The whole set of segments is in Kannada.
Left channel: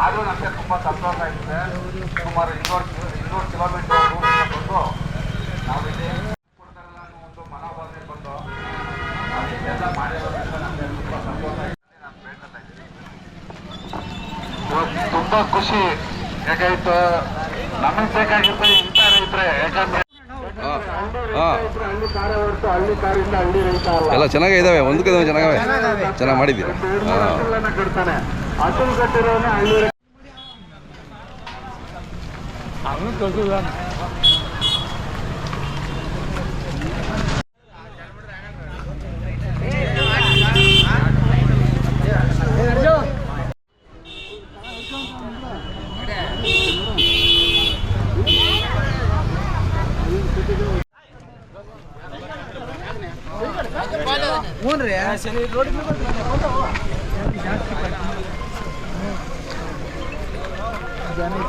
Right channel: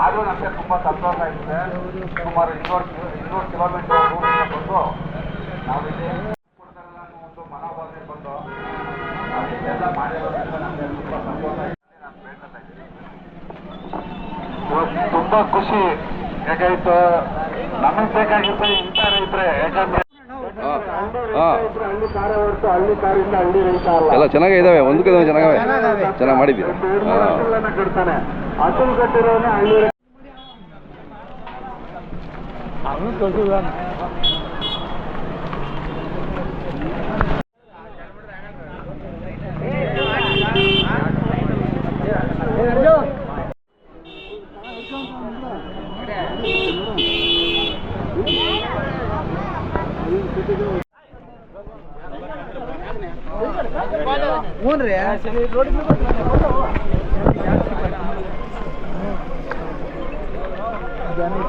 ಆದರೂ ನಮಗೆ ತುಂಬ ಸಂತೋಷ ಆಗಿದೆ. ಸುಮಾರು ಇನ್ನೂರು ಇನ್ನೂರು ಕಿಲೋಮೀಟರ್ ಬಂದು ನಾವು ಇಲ್ಲಿ ಒಂದು ಮನೋಭಾವನೆ ಬಂದು ನಾವು ಇಷ್ಟೆಲ್ಲ ಮಾಡಿರೋದ್ರಿಂದ ನಮಗೆ ತುಂಬ ಸಂತೋಷ ಆಗಿದೆ. ನಾನು ಹೇಳ್ತಾ ಇದ್ದೀನಿ. ತುಂಬ ಖುಷಿ. ಯಾಕಾಯ್ತು ನಮಗೆ ಬೇಕಾಗಿರ್ತದೆ ಇಂಥ ರೈತರೆ ಯಾಕಂದ್ರೆ ಎಲ್ಲ ಚೆನ್ನಾಗೇ ಇದ್ದಾವೆ ಒಂದಕ್ಕೆ ಒಂದು ಚೆನ್ನಾಗವೆ. ಚೆನ್ನಾಗಿ ಮಾಡಿದ್ದೀರಾ? ಹಸುಲ್ ಕಟ್ಟಿರೋನೆ ಹಳ್ಳಿ ರೈತ.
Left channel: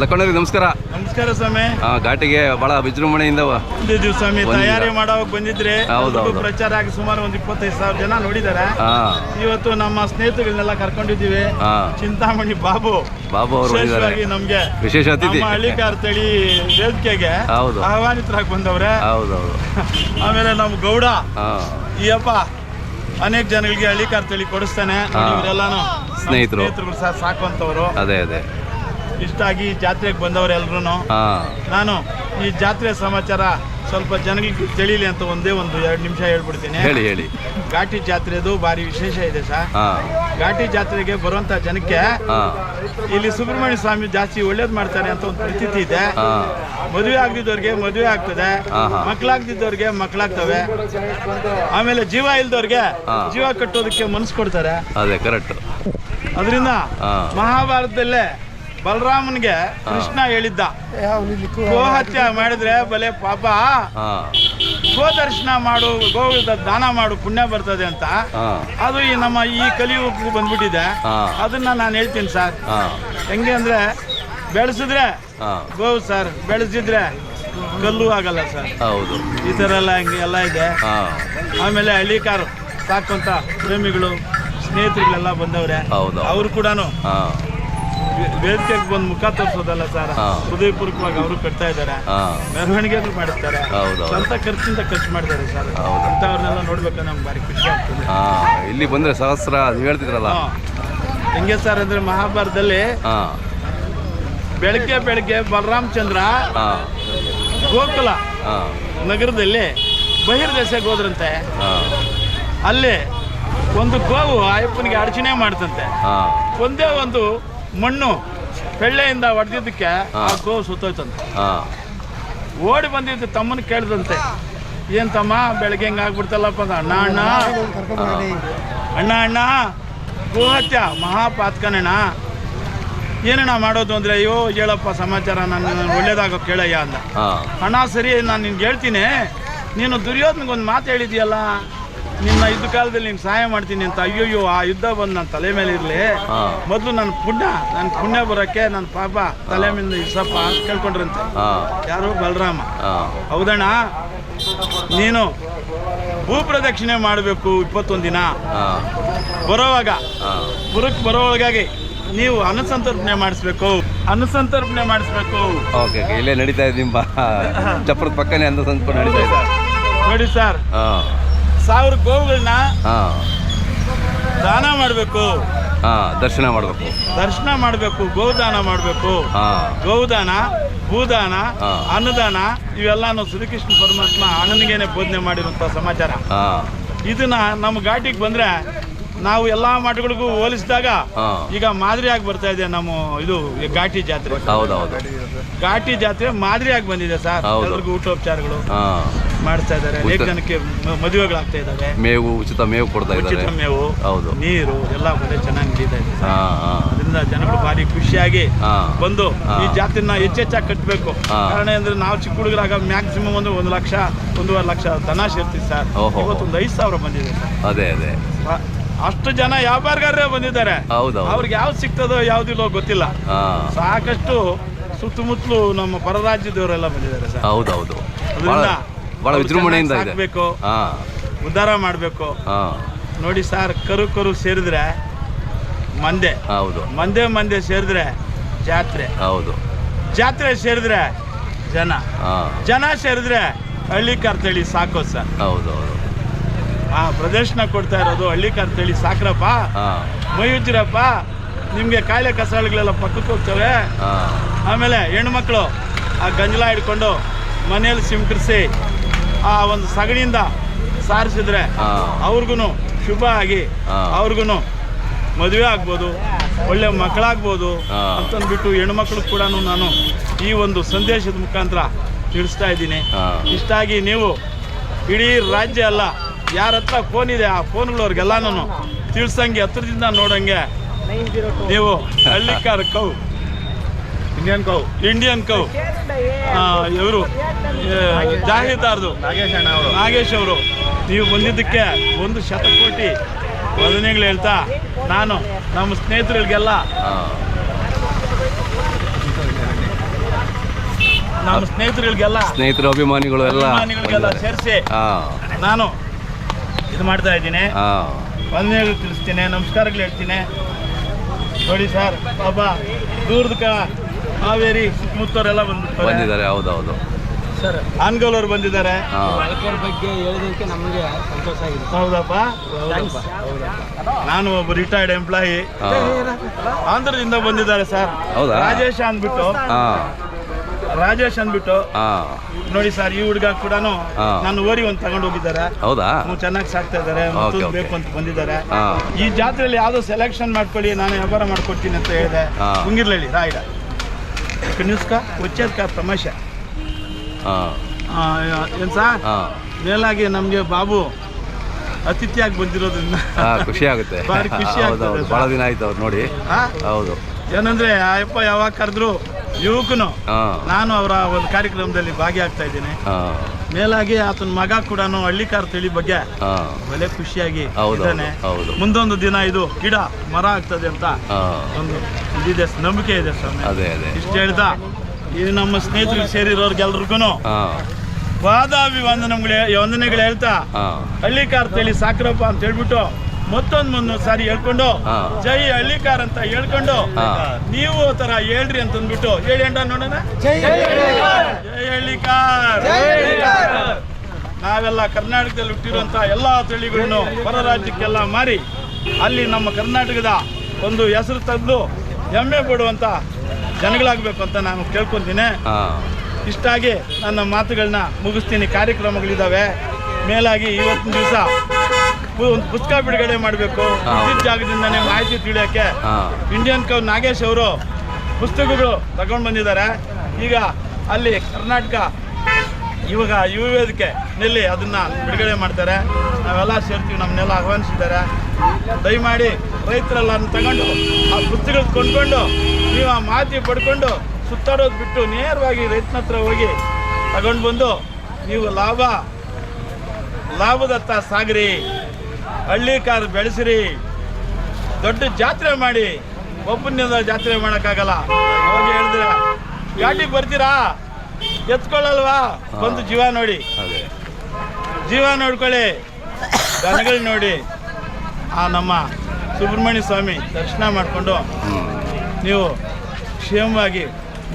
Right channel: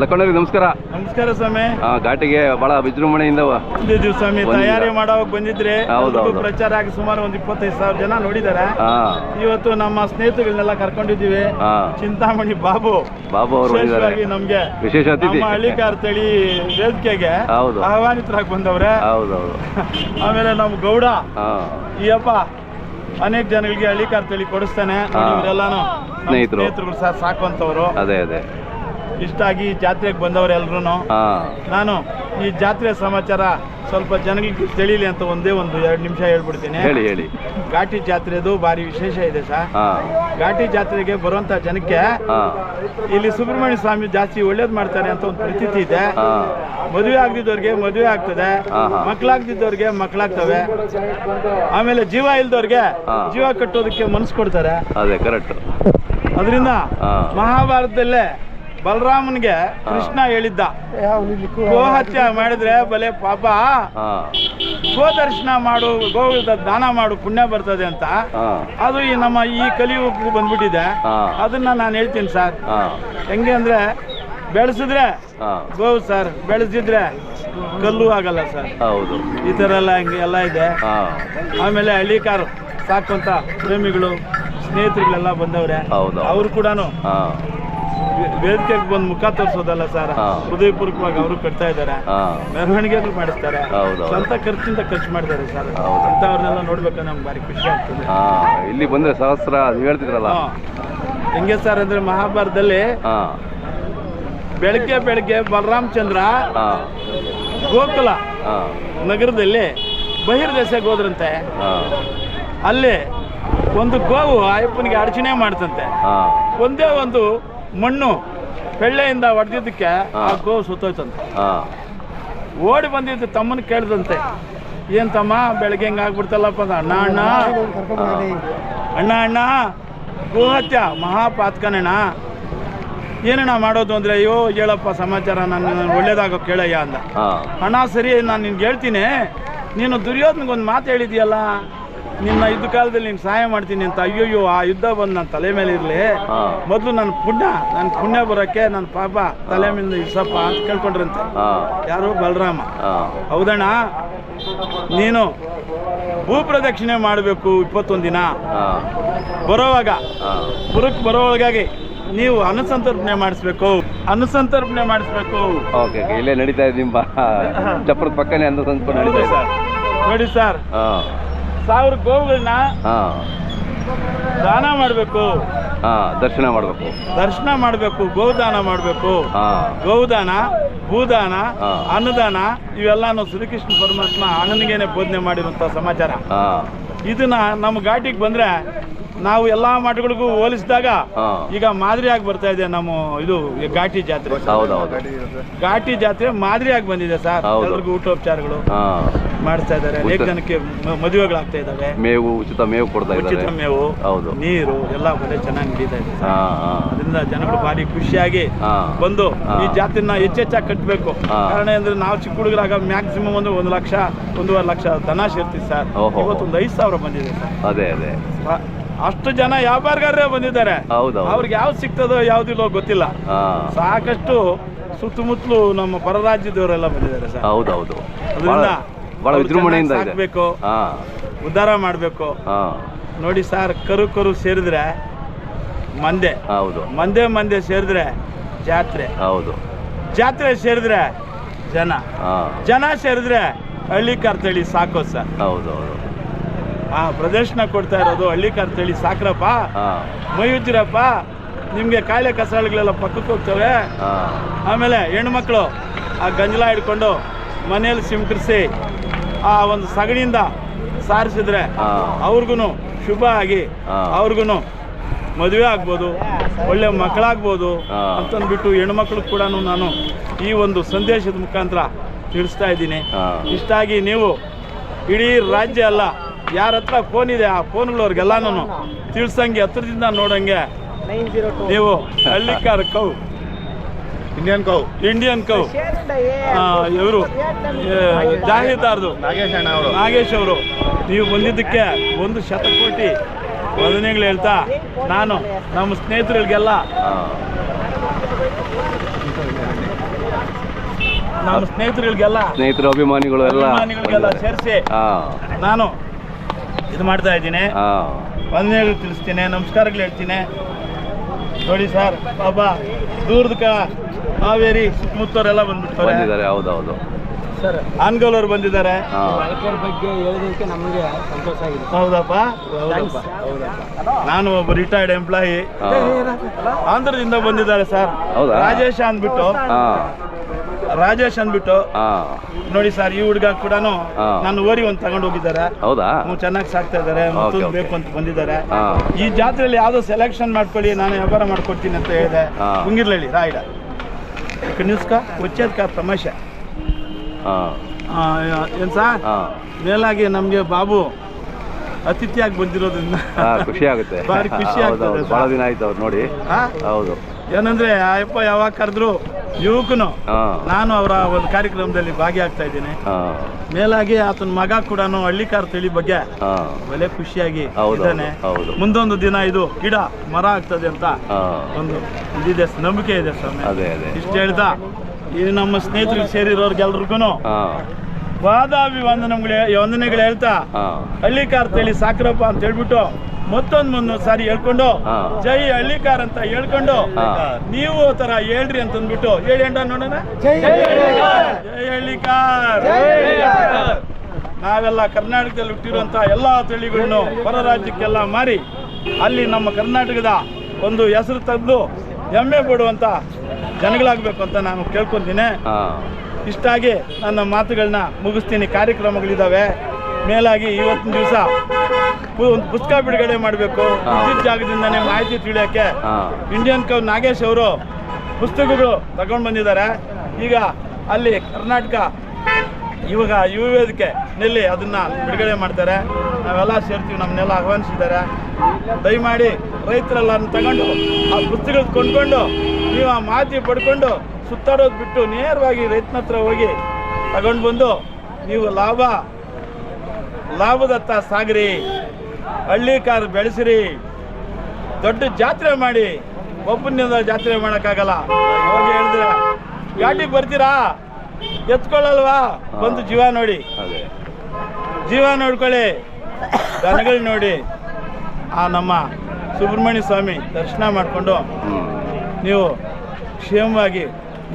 ಲಕ್ಕಣ್ಣರಿ ನಮಸ್ಕಾರ. ನಮಸ್ಕಾರ ಸ್ವಾಮಿ. ಆ, ಘಾಟಿಗೆ ಬಹಳ ವಿಜೃಂಭಣೆಯಿಂದ ಬಂದಿದ್ದೀವಿ ಸ್ವಾಮಿ ತಯಾರಿ ಮಾಡೋವಾಗ ಬಂದಿದ್ರೆ. ಹೌದು, ಎಲ್ರಿಗೂ ಹೌದು. ಪ್ರಚಾರ ಆಗಿ ಸುಮಾರು ಒಂದ್ ಇಪ್ಪತ್ತೈದು ಸಾವಿರ ಜನ ನೋಡಿದ್ದಾರೆ. ಹಾಂ. ಇವತ್ತು ನಮ್ಮ ಸ್ನೇಹಿತಗಳನ್ನೆಲ್ಲ ಕರ್ಕೊಂಡಿದ್ದೀವಿ. ಹಾಂ. ಚಿಂತಾಮಣಿ ಬಾಬು. ಬಾಬು ಅವರು ಬಂದಿದ್ದಾರೆ. ವಿಶೇಷವಾಗಿ ನಮ್ಗೆ. ವಿಶೇಷ ಅತಿಥಿ. ನಮ್ಮ ಹಳ್ಳಿಕಾರ್ ತಳಿ ವೇದಿಕೆಗೆ ಹೌದು. ಆಹ್ವಾನಿತರಾಗಿ ಬಂದವ್ರೆ. ಹೌದೌದು. ಆಮೇಲೆ ನಮ್ಮ ಗೌಡ. ಅಯ್ಯಪ್ಪ ಈ ಅಪ್ಪ ಅನೇಕ ಜನಗಳಿಗೆ ಹಳ್ಳಿಕಾರ್ ತಳಿ ಕೊಡಿಸ್ತಾನೆ. ನೋಡಿ ಹಾ. ಇವರೆಲ್ಲಾನು ಸ್ನೇಹಿತರು. ಸಹ ಸಾಕುವಂತವ್ರು ಅದೇ ಅದೇ. ಇಷ್ಟ ಆಗಿ ಜಾತ್ರೆಗೆ ಬಂದವ್ರು ಎಲ್ರು ನಾನು ಈ ಜಾತ್ರೆ ಸಮಾಚಾರ ಸ್ವಲ್ಪ ಜನಗಳಿಗೆ ತಿಳಿಲಿ ಅಂತ ಒಂದೇ ಒಂದು ಎರಡು ನಿಮಿಷ ಹೇಳ್ಬಿಡ್ತೀನಿ. ಹೇಳಿ ಹೇಳಿ. ಘಾಟಿ ಜಾತ್ರೆದು ಭಾರಿ ವಿಶೇಷ ಇದೆ ಸರ್ ಘಾಟಿ ಜಾತ್ರೆಗೆ ಬರುವಂತ ಜನಕ್ಕೆ ಇಲ್ಲಿ ಸುಬ್ರಹ್ಮಣ್ಯ ಸ್ವಾಮಿ ಜಾಸ್ತಿ ಒಳ್ಳೇದ್ ಮಾಡ್ತಾರೆ ಅಂತ ಒಂದು ಪ್ರತೀತಿ ಇದೆ. ಮದುವೆ ಆಗದಿದ್ದವ್ರಿಗೆ ಮದುವೆ ಆಗ್ತದೆ. ಮಕ್ಕಳಾಗದಿದ್ದವ್ರಿಗೆ ಮಕ್ಕಳಾಗ್ತವೆ. ಆಮೇಲೆ ಜೀವ ಇಲ್ದವ್ರಿಗೆ ಜೀವ ಕಟ್ಟೋದಕ್ಕೆ ಮನಸ್ಸು ಕೊಡ್ತಾರೆ. ಅದೇ ಕರೆಕ್ಟ್ ಅದರಿಂದ ಮಹಾಭಾರತದಲ್ಲೇ ಬಲರಾಮನ್ಗೆ ಕೃಷ್ಣ ಹೇಳಿದ್ದ. ಗೋಹತ್ಯ ಮಾಡಿದ್ರೆ ಬಲೆ ಪಾಪ. ಗೋ ಗೋದರ್ಶನ ಮಾಡು ಗೋವಿಂದ ದಾನ ಮಾಡು ಪುಣ್ಯ ಬರ್ತದೆ ಅಂತ. ಅದು ಈ ನಮ್ಮ ಈ ಕಲಿಯುಗಕ್ಕೆ ಬಂದ್ಬಿಟ್ಟಿದೆ. ಅದನ್ನ ನಾನು ಹೇಳ್ತೀನಿ ಸರ್. ಹೆಂಗೆ ಅಂದ್ರೆ ಬೆಳೆಸಿದ್ರೆ ಗೋ ಗೋವು ಸರ್ ಬೆಳೆಸಿದ್ರೆ ಕಲ್ಲು ಆಗಲ್ಲ ಸರ್. ಹೌದು. ಈ ಥರ ಎಲ್ಲ ಹಿಂಗೆ ಎಲ್ಲ ಇದೆ. ಆಮೇಲೆ ಹಳ್ಳಿ ಕಾರು ಸಾಕುವಂತ ಪ್ರೇಮಿಗಳು ಸ್ನೇಹಿತರುಗಳೆಲ್ಲ ಬಂದವ್ರೆ. ಅವ್ರು ಅವರು ಕೂಡ ವೇದಿಕೆಗೆ ಬಂದು ಮುಖ ತೋರಿಸೋದಲ್ಲ ಸರ್. ಹೃದಯಪೂರ್ವಕವಾಗಿ ಅವರು ಕಟ್ತಾ ಇದ್ದಾರೆ. ಮೆರವಣಿಗೆಗಳು ಮಾಡಿಸ್ತಾರೆ. ಸ್ವಂತ ಖರ್ಚಿಂದ ಖರ್ಚು ಮಾಡಿದ್ದಾರೆ ಸರ್. ಅಂಥವ್ರನ್ನೆಲ್ಲ ನೋಡ್ಬೇಕು ನಮ್ಗೆ ಭಾರಿ ಖುಷಿ ಆಗ್ತದೆ. ಇಲ್ಲಿ ಬಂದ್ರೆ ಸಹಸ್ರ ನೀವು ಹೇಳ್ತಿದ್ರಲ್ಲ. ಹೆಂಗೆ ಸರ್ ಅಂದ್ರೆ ಮಹಾಭಾರತದಲ್ಲಿ ಬೆಳಗ್ಗೆ ಬೆಳಗ್ಗೆ ಬಲರಾಮಚಂದ್ರ ಗೋಕುಲ ನಗರದಲ್ಲಿ ಬಹಿರ್ದೇಶಕ್ಕೆ ಹೋದ್ರಂತೆ. ಅಲ್ಲಿ ಒಂದು ಗೋವು ಅಯ್ಯಪ್ಪನಿಗೆ ಅರ್ಚನೆ ಮಾಡ್ತಂತೆ. ಒಂದೇ ಒಂದು ಮಣ್ಣು ಬೆಳ್ಳೆಯಿಂದ ಹೊಡೆದಿದ್ದಕ್ಕೆ ಆ. ಗೋವು ಸುತ್ತೋಯ್ತಂತೆ. ಓಡಿ ಬಂದಿದ್ದು ತಮ್ಮನ ಕೇಳಿದಂತೆ. ಏನ್ ತಮ್ಮ ಬೆಳಗ್ಗೆ ಹೆಂಗೆ ಆಗ್ಬಿಡ್ತಲ್ಲಪ್ಪ ಅಂದ ಅಣ್ಣ ಅಣ್ಣ. ಅಣ್ಣ ಅಣ್ಣ ಗೋಹತ್ಯ ಮಹಾಪಾತ್ಕನಣ್ಣ. ಏನಣ್ಣ ಮಾಡೋದು ಅಂದ್ರೆ ಅಯ್ಯೋ ಹೇಳಪ್ಪ ಸಮಾಚಾರ ನಾನು ಒಳ್ಳೇದಾಗ ಕೇಳಯ್ಯ ಅಂದ. ಅಣ್ಣ ಸರಿ ನಾನು ನಿನ್ಗೆ ಹೇಳ್ತೀನಿ. ನೀನು ದುರ್ಯೋಧನಗೊಂದು ಮಾತು ಹೇಳಿದ್ಯಲ್ಲ ನಿನ್ನ ಯುದ್ಧ ಕಾಲದಲ್ಲಿ ನೀನು ಸಹಾಯ ಮಾಡ್ತೀನಿ ಅಂತ ಅಯ್ಯೋಯ್ಯೋ ಆ ಯುದ್ಧ ಬಂದು ನನ್ನ ತಲೆ ಮೇಲೆ ಇರಲಿ. ಮೊದಲು ನನ್ನ ಪುಣ್ಯ ನನ್ನ ಪುಣ್ಯ ಬರೋಕ್ಕೆ ನನ್ನ ಪಾಪ ತಲೆ ಮೇಲೆ ಇಸಪ್ಪ ಅಂತ ಕೇಳ್ಕೊಂಡ್ರಂತೆ. ಯಾರು ಬಲರಾಮ. ಹೌದಣ್ಣ? ನೀನು ಭೂ ಪ್ರದಕ್ಷಿಣೆ ಮಾಡಬೇಕು ಇಪ್ಪತ್ತೊಂದು ದಿನ ಬರೋವಾಗ ಪುರಕ್ಕೆ ಬರೋವಾಗ ನೀವು ಅನುಸಂತರ್ಪಣೆ ಮಾಡಿಸ್ಬೇಕು ಅನುಸಂತರ್ಪಣೆ ಮಾಡಿಸ್ಬೇಕು. ಓಕೆ ಇಲ್ಲೇ ನಡೀತಾ ಇದೆ ಚಪ್ಪರದ ಚಪ್ರದ ಪಕ್ಕನೇ ಅಂತ ತಂದ್ಕೊಂಡು ನಡೀತಾ ಇದೆ. ನೋಡಿ ಸರ್. ಹಾಂ. ಸಾವಿರ ಗೋವುಗಳನ್ನ ದಾನ ಮಾಡಬೇಕು. ದರ್ಶನ ಮಾಡಬೇಕು. ದರ್ಶನ ಮಾಡಬೇಕು ಗೋದಾನ ಮಾಡಬೇಕು. ಗೋದಾನ ಭೂದಾನ. ಅನ್ನದಾನ ಇವೆಲ್ಲಾನು ಶ್ರೀಕೃಷ್ಣ ಪರಮಾತ್ಮ ಅಣ್ಣನಿಗೇನೆ ಬೋಧನೆ ಮಾಡಿರುವಂಥ ಸಮಾಚಾರ. ಇದನ್ನ ನಮ್ಮ ಘಾಟಿಗೆ ಬಂದ್ರೆ ನಾವು ಎಲ್ಲಾ ಮಠಗಳಿಗೂ ಹೋಲಿಸಿದಾಗ ಈಗ ಮಾದರಿಯಾಗಿ ಬರ್ತಾ ಇದೆ ನಮ್ಮ ಇದು ಘಾಟಿ ಜಾತ್ರೆ. ಘಾಟಿ ಜಾತ್ರೆ ಮಾದರಿಯಾಗಿ ಬಂದಿದೆ ಸರ್. ಎಲ್ಲರಿಗೂ ಊಟೋಪಚಾರಗಳು. ಮಾಡ್ತಾ ಇದ್ದಾರೆ ಅನೇಕ ಜನಕ್ಕೆ ಮದುವೆಗಳಾಗ್ತಾ ಇದ್ದಾವೆ. ಮೇವು ಉಚಿತ ಮೇವು ಕೊಡ್ತಾ ಉಚಿತ ಮೇವು ಹೌದು. ನೀರು ಎಲ್ಲ ಬೆಲೆ ಚೆನ್ನಾಗಿ ನಡೀತಾ ಇದೆ ಸರ್. ಅದರಿಂದ ಜನಗಳು ಭಾರಿ ಖುಷಿಯಾಗಿ ಹಾಂ. ಬಂದು ಈ ಜಾತಿನ ಹೆಚ್ಚೆಚ್ಚಾಗಿ ಕಟ್ಟಬೇಕು ಕಾರಣ ಅಂದ್ರೆ ನಾವು ಚಿಕ್ಕ ಹುಡುಗರಾಗ ಮ್ಯಾಕ್ಸಿಮಮ್ ಒಂದು ಒಂದು ಲಕ್ಷ ಒಂದೂವರೆ ಲಕ್ಷ ದನ ಸೇರ್ತೀವಿ ಸರ್. ಓಹೋ. ಇವತ್ತೊಂದು ಐದು ಸಾವಿರ ಬಂದಿದೆ ಸರ್. ಅದೇ ಅದೇ. ಅಷ್ಟು ಜನ ವ್ಯಾಪಾರಗಾರರೇ ಬಂದಿದ್ದಾರೆ. ಹೌದು ಅವ್ರಿಗೆ ಯಾವ್ದು ಸಿಗ್ತದೋ ಯಾವ್ದಿಲ್ಲೋ ಗೊತ್ತಿಲ್ಲ. ಹಾಂ. ಸಾಕಷ್ಟು ಸುತ್ತಮುತ್ತಲು ನಮ್ಮ ಪರರಾಜ್ಯದವರೆಲ್ಲ ಬಂದಿದ್ದಾರೆ ಸರ್. ಹೌದೌದು. ಅದರಿಂದ ಅವ್ರು ವಿಜೃಂಭಣೆಯಿಂದ ಇದೆ. ಸಾಕ್ಬೇಕು. ಹಾಂ. ಉದ್ಧಾರ ಮಾಡಬೇಕು. ಹಾಂ. ನೋಡಿ ಸರ್ ಕರು ಕರು ಸೇರಿದ್ರೆ ಮಂದೆ. ಹೌದು. ಮಂದೆ ಮಂದೆ ಸೇರಿದ್ರೆ ಜಾತ್ರೆ. ಹೌದು. ಜಾತ್ರೆ ಸೇರಿದ್ರೆ ಜನ. ಹಾಂ. ಜನ ಸೇರಿದ್ರೆ ಹಳ್ಳಿ ಕರ್ತಳಿ ಸಾಕು ಸರ್. ಹೌದು ಹೌದು. ಆ ಪ್ರದರ್ಶನ ಕೊಡ್ತಾ ಇರೋದು ಹಳ್ಳಿ ಕರ್ತಳಿ ಸಾಕ್ರಪ್ಪ. ಹಾಂ. ಮೈ ಉಜ್ಜಿರಪ್ಪ ನಿಮಗೆ ಕಾಯಿಲೆ ಕಸಾಳುಗಳೆಲ್ಲ ಪಕ್ಕಕ್ಕೆ ಹೋಗ್ತವೆ. ಆಮೇಲೆ ಆಮೇಲೆ ಹೆಣ್ಮಕ್ಳು ಆ ಗಂಜಲ ಹಿಡ್ಕೊಂಡು ಮನೆಯಲ್ಲಿ ಸಿಂಕರಿಸಿ ಆ ಒಂದು ಸಗಣಿಯಿಂದ ಸಾರಿಸಿದ್ರೆ ಅವ್ರಿಗೂ ಶುಭ ಆಗಿ. ಅವ್ರಿಗೂ ಮದುವೆ ಆಗ್ಬೋದು ಒಳ್ಳೆ ಮಕ್ಕಳಾಗ್ಬೋದು. ಅಂತಂದ್ಬಿಟ್ಟು ಹೆಣ್ಮಕ್ಳು ಕೂಡ ನಾನು ಈ ಒಂದು ಸಂದೇಶದ ಮುಖಾಂತರ ತಿಳಿಸ್ತಾ ಇದ್ದೀನಿ ಇಷ್ಟಾಗಿ ನೀವು ಇಡೀ ರಾಜ್ಯ ಅಲ್ಲ ಯಾರ ಹತ್ರ ಫೋನ್ ಇದೆ ಆ ಫೋನ್ಗಳವ್ರಿಗೆಲ್ಲನೂ ತಿಳಿಸಂಗೆ ಹತ್ರದಿಂದ ನೋಡಂಗೆ ನೀವು Hallikar cow Indian cow Indian cow ಇವರು. ಜಾಹೀರ್ದಾರ್ದು ನಾಗೇಶ್ ಅಣ್ಣ ಅವರು. ನಾಗೇಶ್ ಅವರು. ನೀವು ಬಂದಿದ್ದಕ್ಕೆ ಒಂದು ಶತಕೋಟಿ ವಂದನೆಗಳು ಹೇಳ್ತಾ ನಾನು ನಮ್ಮ ಸ್ನೇಹಿತರಿಗೆಲ್ಲ ನಮ್ಮ ಸ್ನೇಹಿತರಿಗೆಲ್ಲ ಸ್ನೇಹಿತರು ಅಭಿಮಾನಿಗಳು ಎಲ್ಲ ಅಭಿಮಾನಿಗಳಿಗೆಲ್ಲ ಸೇರಿಸಿ ನಾನು ಇದು ಮಾಡ್ತಾ ಇದ್ದೀನಿ. ವಂದನೆಗಳು ತಿಳಿಸ್ತೀನಿ ನಮಸ್ಕಾರಗಳು ಹೇಳ್ತೀನಿ. ನೋಡಿ ಸರ್ ಪಾಪ ದೂರದ ಕ ಹಾವೇರಿ ಸುತ್ತಮುತ್ತವರೆಲ್ಲ ಬಂದ್ಬಿಡ್ತಾರೆ. ಬಂದಿದ್ದಾರೆ ಹೌದು ಹೌದು ಸರ್ ಆನ್ಗೋಲವ್ರು ಬಂದಿದ್ದಾರೆ. ಹಾಂ. ಬಳಕೆಯವ್ರ ಬಗ್ಗೆ ಹೇಳೋದಕ್ಕೆ ನಮಗೆ ಸಂತೋಷ ಆಗಿದೆ. ಹೌದಪ್ಪ? ನಾನು ಒಬ್ಬ ರಿಟೈರ್ಡ್ ಎಂಪ್ಲಾಯಿ ಹಾಂ. ಆಂಧ್ರದಿಂದ ಬಂದಿದ್ದಾರೆ ಸರ್. ಹೌದಾ? ರಾಜೇಶ್ ಅಂದ್ಬಿಟ್ಟು. ಹಾಂ. ರಾಜೇಶ್ ಅಂದ್ಬಿಟ್ಟು. ಹಾಂ. ನೋಡಿ ಸರ್ ಈ ಹುಡುಗ ಕೂಡ ಹಾ. ನಾನು ಓರಿ ಒಂದು ತಗೊಂಡು ಹೋಗಿದ್ದಾರೆ. ಹೌದಾ? ಚೆನ್ನಾಗಿ ಸಾಕ್ತಾ ಇದ್ದಾರೆ. ಮತ್ತೊಂದು okay. ಬೇಕು ಅಂತ ಬಂದಿದ್ದಾರೆ. ಹಾಂ. ಈ ಜಾತ್ರೆಯಲ್ಲಿ ಯಾವುದೋ ಸೆಲೆಕ್ಷನ್ ಮಾಡ್ಕೊಳ್ಳಿ ನಾನು ವ್ಯಾಪಾರ ಮಾಡ್ಕೊಡ್ತೀನಿ ಅಂತ ಹೇಳಿದೆ. ಹಾ. ಮುಂಗಿರ್ಲಳ್ಳಿ ರಾಯ್ಡ. ಕನಿಸ್ಕ వచ్చేది ಕಾರ್ ತಮಾಷೆ ಹಾಂ ಆ, ಏನ್ ಸರ್ ಹಾಂ ಮೇಲಾಗಿ ನಮಗೆ ಬಾಬು ಅತಿಥಿಯಾಗಿ ಬಂದಿರೋದ್ರಿಂದ ಹಾಂ ಖುಷಿ ಆಗುತ್ತೆ ಭಾರಿ ಖುಷಿ ಹೌದು, ಆಗ್ತದೆ ಹೌದು. ಸರ್. ಭಾಳ ದಿನ ಆಯ್ತು ಅವ್ರು ನೋಡಿ ಆ? ಹೌದು ಏನಂದ್ರೆ ಆಯಪ್ಪ ಯಾವಾಗ ಕರೆದ್ರು ಯುವಕನು ಹಾಂ ನಾನು ಅವರ ಒಂದು ಕಾರ್ಯಕ್ರಮದಲ್ಲಿ ಭಾಗಿಯಾಗ್ತಾ ಇದ್ದೀನಿ ಹಾಂ ಮೇಲಾಗಿ ಆತನ ಮಗ ಕೂಡ ಹಳ್ಳಿಕಾರ ತಿಳಿ ಬಗ್ಗೆ ಒಳ್ಳೆ ಖುಷಿಯಾಗಿ ಇದ್ದಾನೆ. ಮುಂದೊಂದು ದಿನ ಇದು ಗಿಡ ಮರ ಆಗ್ತದೆ ಅಂತ ಒಂದು ಇದಿದೆ ನಂಬಿಕೆ ಇದೆ ಸ್ವಾಮಿ. ಇಷ್ಟ ಹೇಳ್ತಾ ಇದು ನಮ್ಮ ಸ್ನೇಹಿತರಿಗೆ ಸೇರಿರೋರ್ಗೆಲ್ರಿಗೂ ಹಾಂ. ಪಾದಾಭಿವಂದನೆಗಳು ವಂದನೆಗಳು ಹೇಳ್ತಾ ಹಳ್ಳಿ ಹಳ್ಳಿಕಾರ್ ತಿಳಿ ಸಾಕ್ರಪ್ಪ ಅಂತ ಹೇಳ್ಬಿಟ್ಟು ಮತ್ತೊಂದು ಮುಂದೊಂದು ಸಾರಿ ಹೇಳ್ಕೊಂಡು ಜೈ ಹಳ್ಳಿಕಾರ್ ಅಂತ ಹೇಳ್ಕೊಂಡು ನೀವು ತರ ಥರ ಹೇಳ್ರಿ ಅಂತಂದ್ಬಿಟ್ಟು ಹೇಳಿ ಅಂಡ ನೋಡೋಣ. ಜೈ ಹಳ್ಳಿಕಾರ್. ನಾವೆಲ್ಲ ಕರ್ನಾಟಕದಲ್ಲಿ ಹುಟ್ಟಿರುವಂಥ ಎಲ್ಲಾ ತಳಿಗಳನ್ನು ಹೊರ ರಾಜ್ಯಕ್ಕೆಲ್ಲ ಮಾರಿ ಅಲ್ಲಿ ನಮ್ಮ ಕರ್ನಾಟಕದ ಒಂದು ಹೆಸರು ತಂದು ಹೆಮ್ಮೆ ಪಡುವಂತ ಜನಗಳಾಗಬೇಕು ಅಂತ ನಾನು ಕೇಳ್ಕೊತೀನಿ. ಇಷ್ಟಾಗಿ ನನ್ನ ಮಾತುಗಳನ್ನ ಮುಗಿಸ್ತೀನಿ. ಕಾರ್ಯಕ್ರಮಗಳಿದ್ದಾವೆ. ಮೇಲಾಗಿ ಇವತ್ತಿನ ದಿವಸ ಒಂದು ಪುಸ್ತಕ ಬಿಡುಗಡೆ ಮಾಡಬೇಕು. ಇದ್ದಿದ್ದ ಜಾಗದಿಂದನೇ ಮಾಹಿತಿ ತಿಳಿಯೋಕ್ಕೆ ಇಂಡಿಯನ್ ಕವ್ ನಾಗೇಶ್ ಅವರು ಪುಸ್ತಕಗಳು ತಗೊಂಡು ಬಂದಿದ್ದಾರೆ. ಈಗ ಅಲ್ಲಿ ಕರ್ನಾಟಕ ಇವಾಗ ಯುವ ವೇದಿಕೆ ನಲ್ಲಿ ಅದನ್ನ ಬಿಡುಗಡೆ ಮಾಡ್ತಾರೆ. ನಾವೆಲ್ಲ ಸೇರ್ತೀವಿ ನಮ್ಮನ್ನೆಲ್ಲ ಆಹ್ವಾನಿಸಿದ್ದಾರೆ. ದಯಮಾಡಿ ರೈತರೆಲ್ಲ ತಗೊಂಡು ಆ ಪುಸ್ತಕಗಳು ಕೊಂಡ್ಕೊಂಡು ನೀವು ಆ ಮಾಹಿತಿ ಪಡ್ಕೊಂಡು ಸುತ್ತಾಡೋದು ಬಿಟ್ಟು ನೇರವಾಗಿ ರೈತನ ಹತ್ರ ಹೋಗಿ ತಗೊಂಡು ಬಂದು ನೀವು ಲಾಭ ಲಾಭದತ್ತ ಸಾಗ್ರಿ. ಹಳ್ಳಿ ಕಾರ್ ಬೆಳೆಸಿರಿ. ದೊಡ್ಡ ಜಾತ್ರೆ ಮಾಡಿ ಒಬ್ಬನಿಂದ ಜಾತ್ರೆ ಮಾಡೋಕ್ಕಾಗಲ್ಲ. ಅವಾಗ ಹೇಳಿದ್ರೆ ಗಾಡಿಗೆ ಬರ್ತೀರಾ? ಎತ್ಕೊಳ್ಳಲ್ವಾ? ಬಂದು ಜೀವ ನೋಡಿ. ಜೀವ ನೋಡ್ಕೊಳ್ಳಿ. ದನಗಳು ನೋಡಿ. ಆ ನಮ್ಮ ಸುಬ್ರಹ್ಮಣ್ಯ ಸ್ವಾಮಿ ದರ್ಶನ ಮಾಡಿಕೊಂಡು ನೀವು ಕ್ಷೇಮವಾಗಿ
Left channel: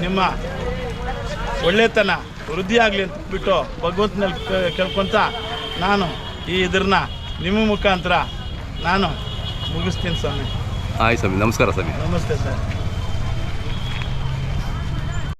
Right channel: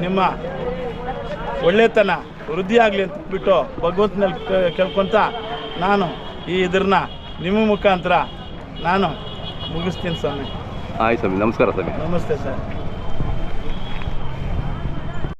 ನಿಮ್ಮ ಒಳ್ಳೆತನ ವೃದ್ಧಿ ಆಗಲಿ ಅಂತ ಬಿಟ್ಟು ಭಗವಂತನಲ್ಲಿ ಕೇಳ್ಕೊತ ನಾನು ಈ ಇದನ್ನ ನಿಮ್ಮ ಮುಖಾಂತರ ನಾನು ಮುಗಿಸ್ತೀನಿ ಸ್ವಾಮಿ. ಆಯ್ತು ಸ್ವಾಮಿ ನಮಸ್ಕಾರ ಸ್ವಾಮಿ. ನಮಸ್ತೆ ಸರ್.